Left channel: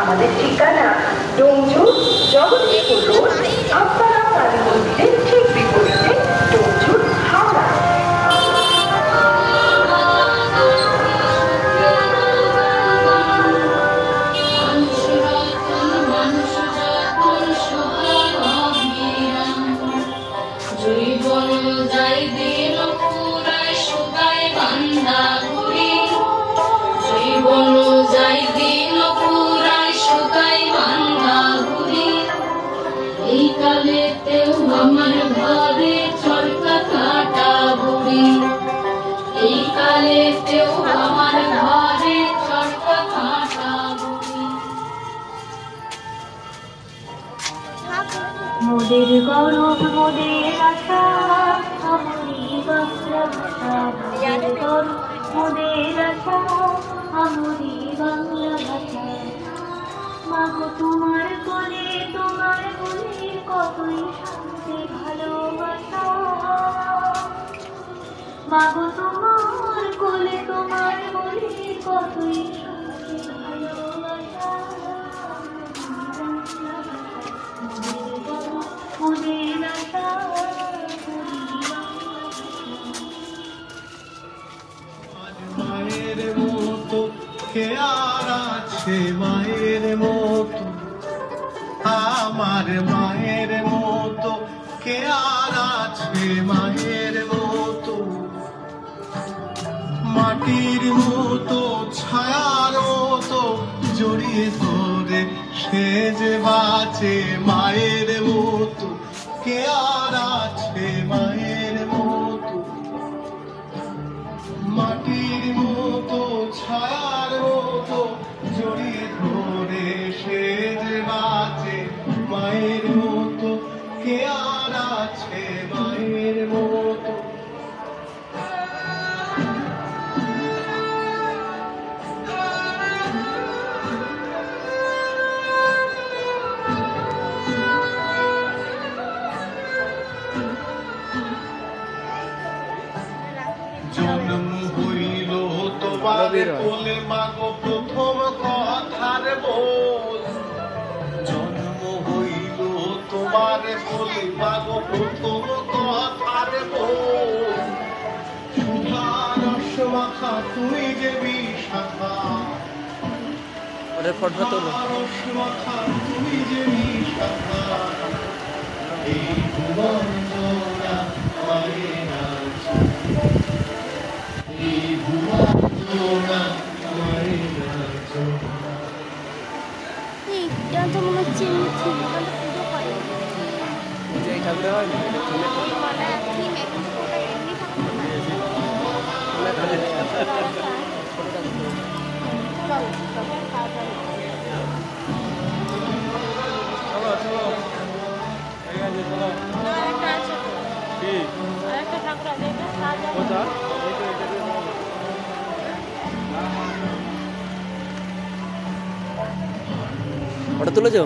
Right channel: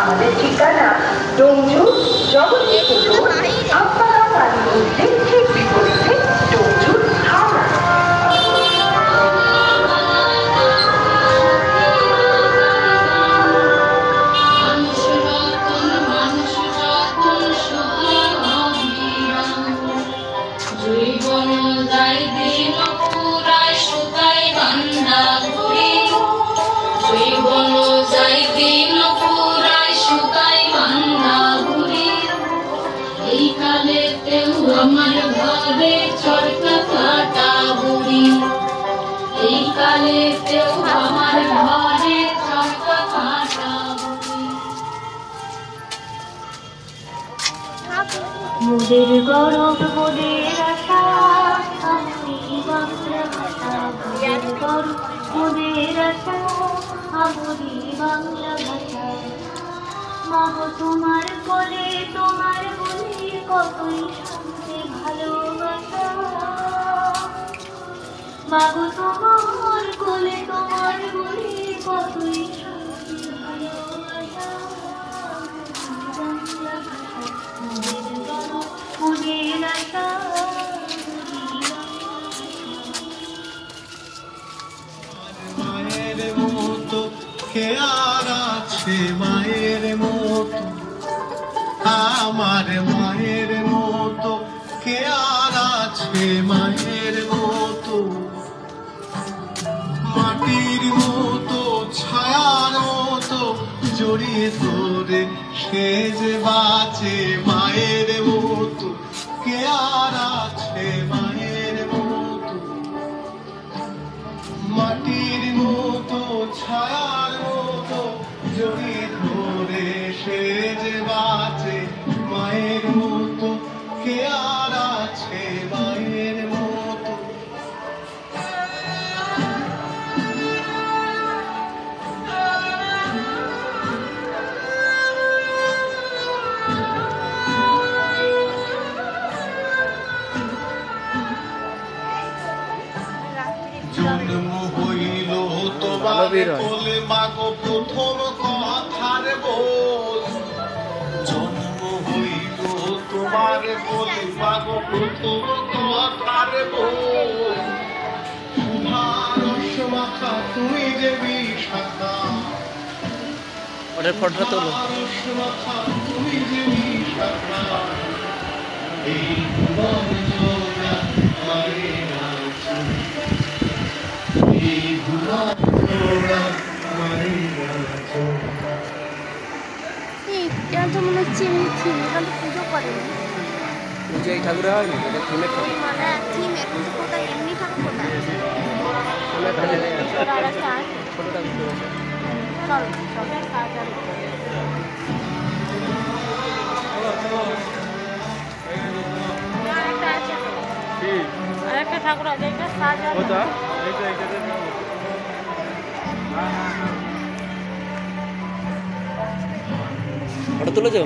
আমাদের ঠিকানা ডোমজু জগদীশপুর রোড, আব্বারা কালী মন্দিরের ঠিক বিপরীতে, ডোমজু, হাওড়া। আমার ঘরে চরকা কাটা বুড়ি, এই কালেতেও আমার ঘরে চরকা কাটা বুড়ি। মোদের গৌরব মোদের আশা, আমি বাংলা ভাষা। মোদের গৌরব মোদের আশা, আমি বাংলা ভাষা। মাগো তোমার কোলে তোমার বলে কতই শান্তি ভালোবাসা। মাগো তোমার কোলে তোমার বলে কতই শান্তি ভালোবাসা। মোদের গৌরব মোদের আশা, মায়ের মতো কে আর আছে, মায়ের মতো আমার মায়ের মতো কে আর আছে, মায়ের মতো মাটির মতো ছায়ার মতো জড়িয়ে ধরে সে যে বাঁচে, মায়ের মতো কে আর আছে, মায়ের মতো মাটির মতো ছায়ার মতো জড়িয়ে ধরে সে যে বাঁচে, মায়ের মতো কে আর আছে, মায়ের মতো। জন্ম হইল তোমার কোলে মাগো প্রথম কথার বল, জন্ম হইল তোমার কোলে মাগো প্রথম কথার বল। সুধারস মাখা তুমি যে বিশাখা, সুধারস মাখা তুমি যে বিশাখা, এই ভুবন জোড়া মায়ের আছে, এই ভুবন জোড়া মায়ের আছে। কেন তো মনে হচ্ছে এমনি ঠিক মানে পুজো করে যে ঠাকুর হয় না মানে থিম এখন তো এমনি ঠাকুর না ছোট ঠাকুর চলো সবাই কাজ আর একটা আছে তো ঠিক আর একটা ঠাকুর আছে এটা সাজা কোথা ওটা তুলেছো?